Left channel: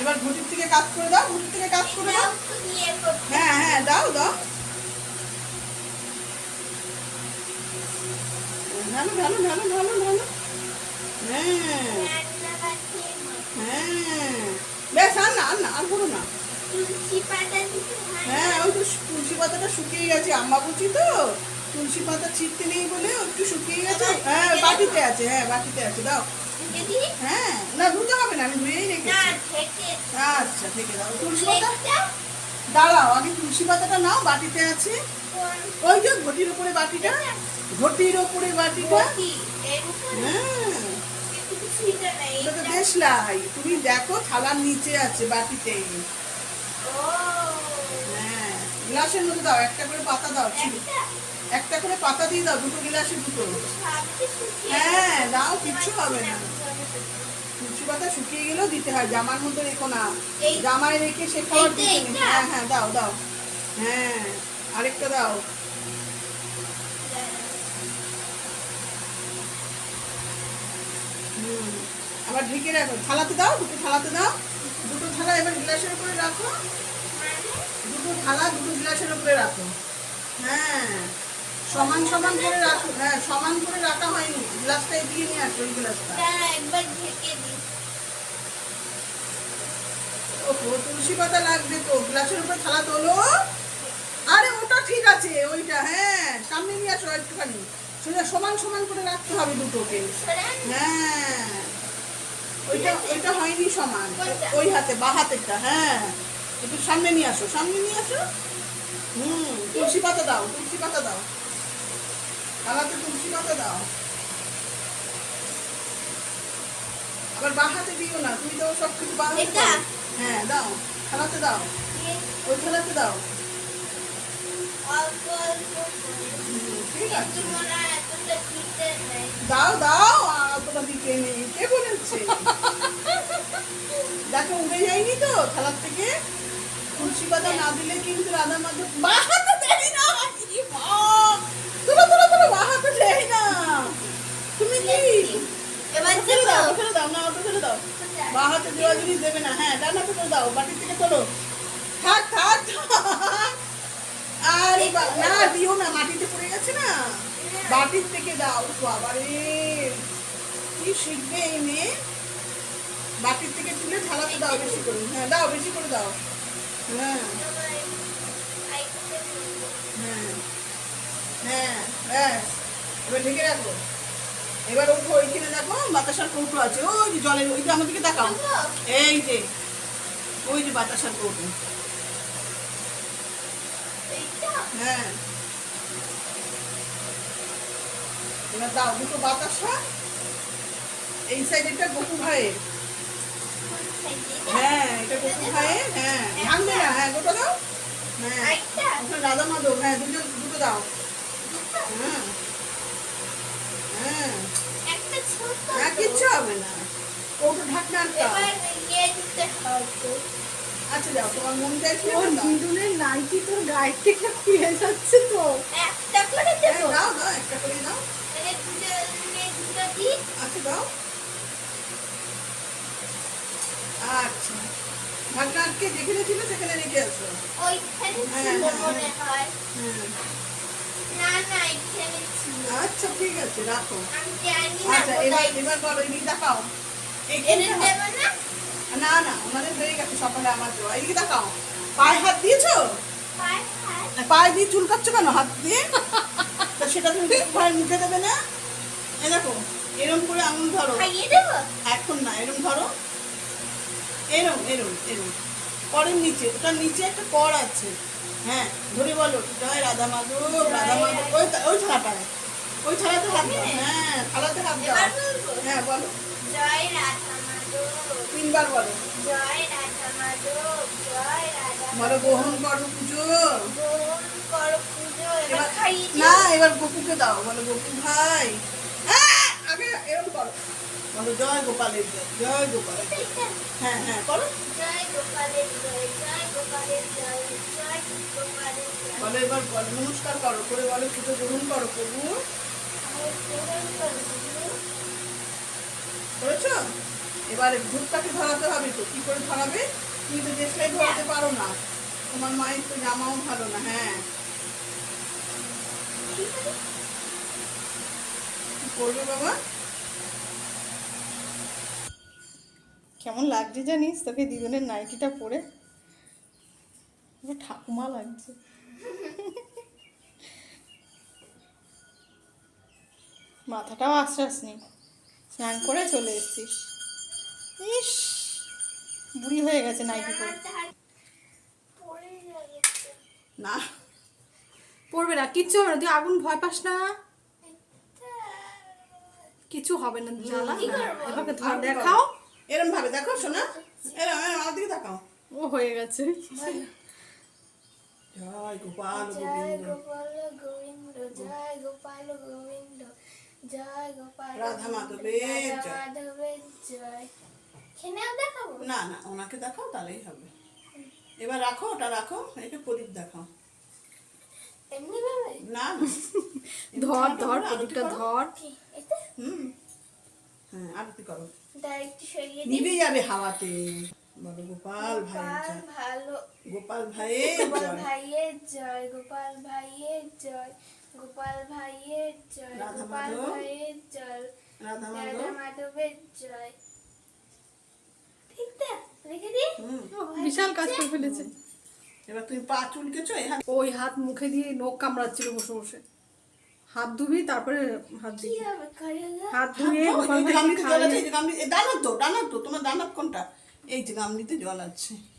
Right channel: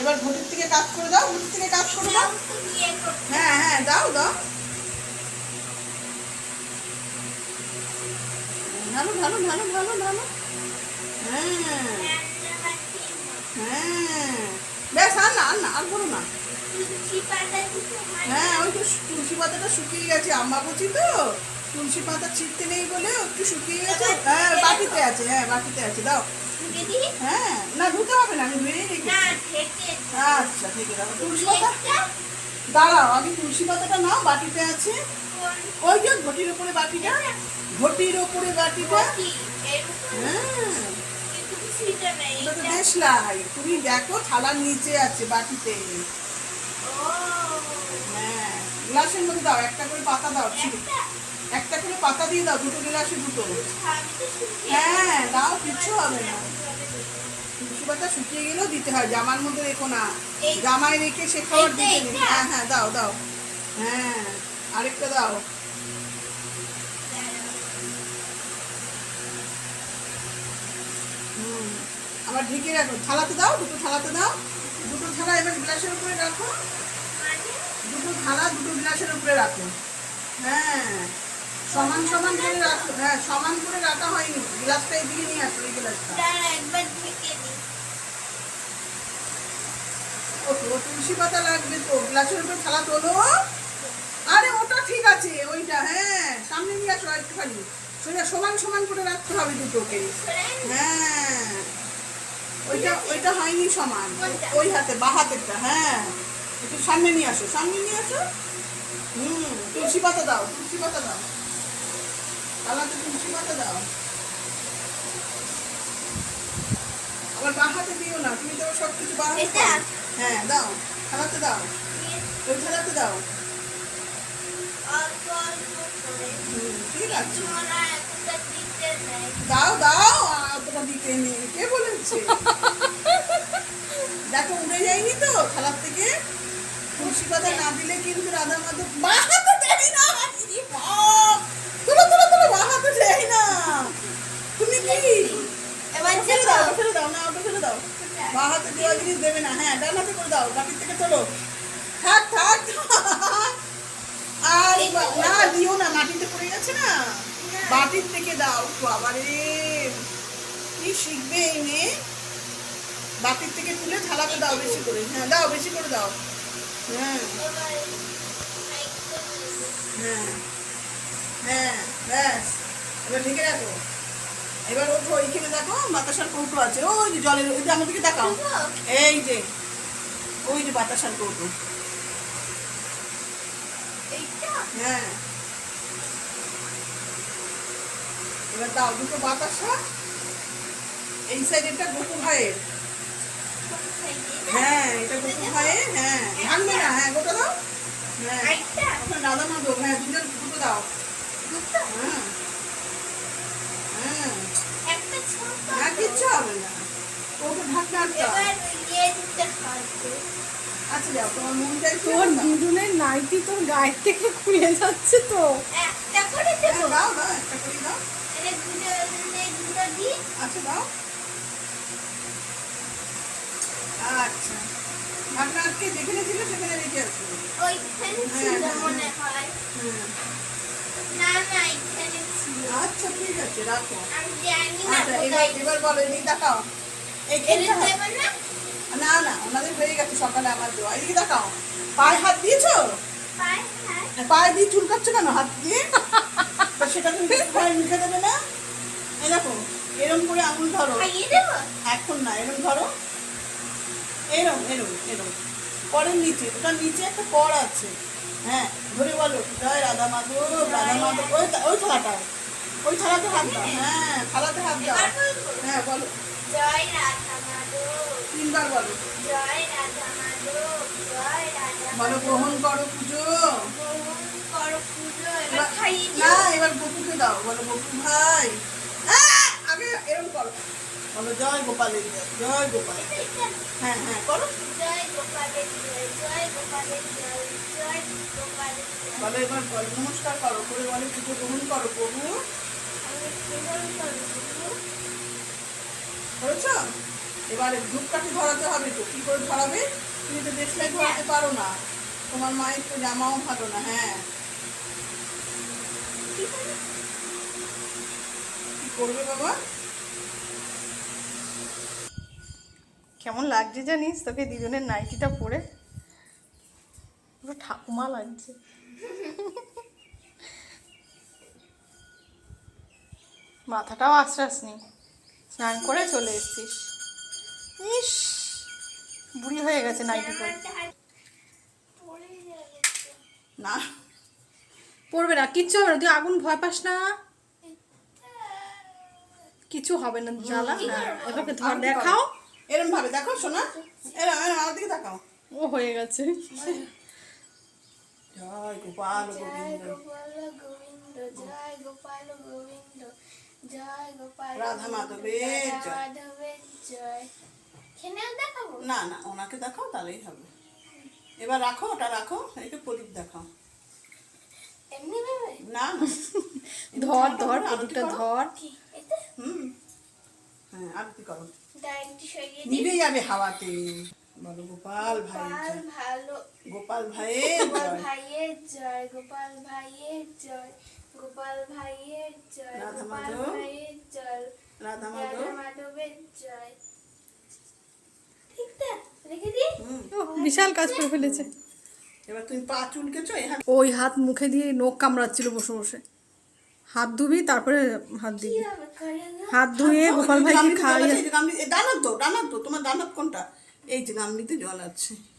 এবার ঘটির থেকে কাজ করে দাও, ঘটির থেকে কাজ করে দাও। হ্যাঁ হ্যাঁ দাও দাও। ঢালো ঢালো ঢালো ঢালো ঢালো। হ্যাঁ। হ্যাঁ। হ্যাঁ তো তুলসী পাতা ছিটতে নেই বলে একটু শুকিয়ে গেছে। হ্যাঁ বাটিতে আছে হ্যাঁ বাটিতে আছে, দাও। হ্যাঁ না ধুতে হবে না আমি ধুয়েই রেখেছি। আচ্ছা আছে তুলসী পাতা। দাঁড়াও আগে তুলসী পাতাটা নাও বাটিতে আছে। ওই যে ঘটির ওপরে বাটিটা? ঘটির ওপরে বাটিটা? হ্যাঁ। দেশলাই তুমি দেখো থালার নিচে আছে বাটিতে। হ্যাঁ গ্লাসের মধ্যে দাও একটা করে পাতা দাও একটা একটা করে পাতা দিয়ে দাও দুটো গ্লাসে দুটো। হ্যাঁ দাও কিচ্ছু হবে না। তুলসী পাতা শুকিয়ে গেলেও দিতে হয় জামার মধ্যে রেখো না। জামায় রেখে সে খাবার দিতে হ্যাঁ হ্যাঁ দাও দাও। হ্যাঁ আরেকটা দাও। আবার ঢেকে রাখো। থালাতে দাও দুটো থালাতে দাও। দুটো থালা এবার গ্লাসের উপরে রাখো। দুটো থালা দুটো গ্লাসের উপরে রাখো। হ্যাঁ। সমান সমান করে হ্যাঁ সমান করে রাখা হয়নি। গ্লাসটা এদিকে নিয়ে আসো এই গ্লাসটা। একবার ঢেকে দিই। ও তুলসী পাতা লাগবে তো। গ্লাসের উপরে থালা তোলো। আরে ওটা ঠিক আছে ওইটা হ্যাঁ সামনে নিয়ে আসো একটুখানি সোজা সমান সমান করে রাখতে হবে দুটোকে। হ্যাঁ। ওইটা ওইটা হয়নি সমান। ওই হাতে বা হাতেরটা হ্যাঁ। একটু সামনে নিয়ে আসো সামনে নিয়ে আসো। হুম তুলসী পাতা দাও তুলসী পাতা দাও। দাও। আবার বা হাতে দিও না তুমি তো সব কিছু বা হাতে এটা? দাও। হ্যাঁ দাও থালাতে দাও। ওই থালাতে দাও। তোমরা দাও দাও তোটা দিতে নেই। কে বলেছে? দেখো উড়ে যায়নি তো থালার থেকে। তুলসী পাতা না দিলে কিন্তু রাধা মাধব বাহাতে দেয় না ইরি বাপ! তুলো তুলো তুলো বাহাতে দেয় না তুমি কি এবার ফেলে দেবো দাও ফেলে দাও না ওটা ফেলে দাও বাহাতে দেওয়া জিনিস দেবে না। হ্যাঁ ডান হাতে করে দাও, বাটির থেকে তোলো থাক থাক। আর না, দিও না, মাটিতে পড়ে গেছে না। বাটির থেকে দাও বাবারে কি শিখবে এই মেয়ে? বাটির থেকে তুলে থালাতে দাও বেশি করে। হ্যাঁ দাও, বেশি করে দাও। হ্যাঁ। হ্যাঁ। হ্যাঁ ব্যাস। এবার ঢেকে রাখো। এবার ওঠো ওইখানে দেখো বাতাসার কৌটো আছে। ওই যে জলের ওই যে আমাদেরকে দেখাও। এই যে ওই যে বাতাসার কৌটো। হ্যাঁ। এবার দাও দুটো বাতাসা এই সাইডেরটা গোপু ভাইয়ের। হ্যাঁ এটা গোপু ভাইয়ের হ্যাঁ। ভাঙবে না হ্যাঁ গোটা দাও। হ্যাঁ। রাধা মাধব হ্যাঁ দুজন দুটো দাও। হ্যাঁ হ্যাঁ হ্যাঁ কিচ্ছু হবে না আচ্ছা যাও তোমার মন চাইছে দুজনের নাইটি তোর গায়ের থেকে খুলে যাচ্ছে তো। একটা করে হ্যাঁ, দাও দাও একটা করে দাও। দুটো দিই। আচ্ছা দাও। আচ্ছা। ঢাকনা আটকে যেখানে ছিল সেখানে রেখে আসো ওইখানে হ্যাঁ, ছিল হ্যাঁ, মনে হ্যাঁ। হয়। হ্যাঁ। না না এখানে ছিল। আচ্ছা ঠিক আছে রাখো। আচ্ছা এবার এবার বলো এদিকে দেখাও। না না ওনাদের হয়ে গেছে সকালে আমার দেওয়া। এদিকে দেখাও। পায়ে হাত দিয়েছ? পায়ে দিয়ে চুলকাচ্ছ কেন? হাত দিয়ে? সেটা তুমি মুখে দেবে না? দেখো এরম করে আঙুল ধরো। এখন না এরম ধরো। এরম এরম এরম। করের নিচে ওটার নিচে একটা কর আছে। হ্যাঁ ধরে বলো। জয় রাধা মাধব রাধা মাধব। ওই ওই থালাটায়। ওই থালাতে হাত দাও। হ্যাঁ। থালাতে হাত দাও। হ্যাঁ বলো। জয় রাধা মাধব। তিনবার বলো। জয় রাধা মাধব জয় রাধা বলো গ্রহণ করো পুজো। গ্রহণ করো পুজো এবার খাইয়ে না এবার গপুকে দাও। বলো গপু ভাই! আগে এরম করো। বলো জয় গোপালের জয় জয় গোপাল। হ্যাঁ হ্যাঁ করো জয় গোপালের জয় জয় গোপালের জয় জয় গোপালের বলো এবার বলো নমস্কার করো করে বলো পুজো গ্রহণ করো প্রভু। গ্রহণ করব এবারে ধূপকাঠি ধরাতে হবে তো, কি করে ধরাবে? তুমি তো দেশলাই ধরাতে পারো না। তোমার মায়ের তো জামাও ভালো না হ্যাঁ। করবে বাবা? কেমন লাগছে জানিস? তোকে দুজনের নাইটিটা পরে। পুরো ঠাকুমা লাগছে। মাথাটাও আশ্বাসনি স্নান করে চলে এসছিস। ইস বুড়ি হয়ে গেছে নাইটি পরে। পড়ে যাবে তো। না পড়বে না কিচ্ছু হবে না তুই আগুন ভয় পাস না। কিছু হবে না জ্বালা। হ্যাঁ এবারকে ধর দেখাও। এরম ভাবে দেখো শোনা। এরম এরম আমার দিকে তাকাও। ও হয়ে গেছে। জয় গোপাল জয় গোবিন্দ গোপাল গোবিন্দ জয় গোপাল গোবিন্দ জয় গোপাল রাধা মাধবের রাধা জয়। না না ওনাকে দেখাও তাহলেই হবে। এবার রাখো ওটা রাখো এটা প্রদীপ দেখাও। না ধর ধর প্রদীপটা ধর। হুম। হ্যাঁ আরতি করো। নিভে যাবে হাওয়াতে। বলো গোপাল ভাই গোপাল ভালো গোপাল ভাইয়ের গোপাল ভাইয়ের জয় গোপাল ভাইয়ের জয় গোপাল ভাইয়ের জয় রাধা গোপাল। ভাইয়ের জয়। রাধা মাধব মাধবের জয় ঠিক তো রেখে দিই হুম বিশাল কাজ করে ফেলেছে। এবার তুমি পা চুলকেছো ওই হাত মুখে দিয়ে নখ কামড়াচ্ছিল বসে বসে। হাত ধুবি তারপরে হাত দিবি? হাত ধুয়ে গোপাল ভাই খাওয়াই আছে, এই যে গামলি- এ, ডানার তো ডানার তো তোমার ডানার কোনটা? এই যে গামলিতে জল আছে।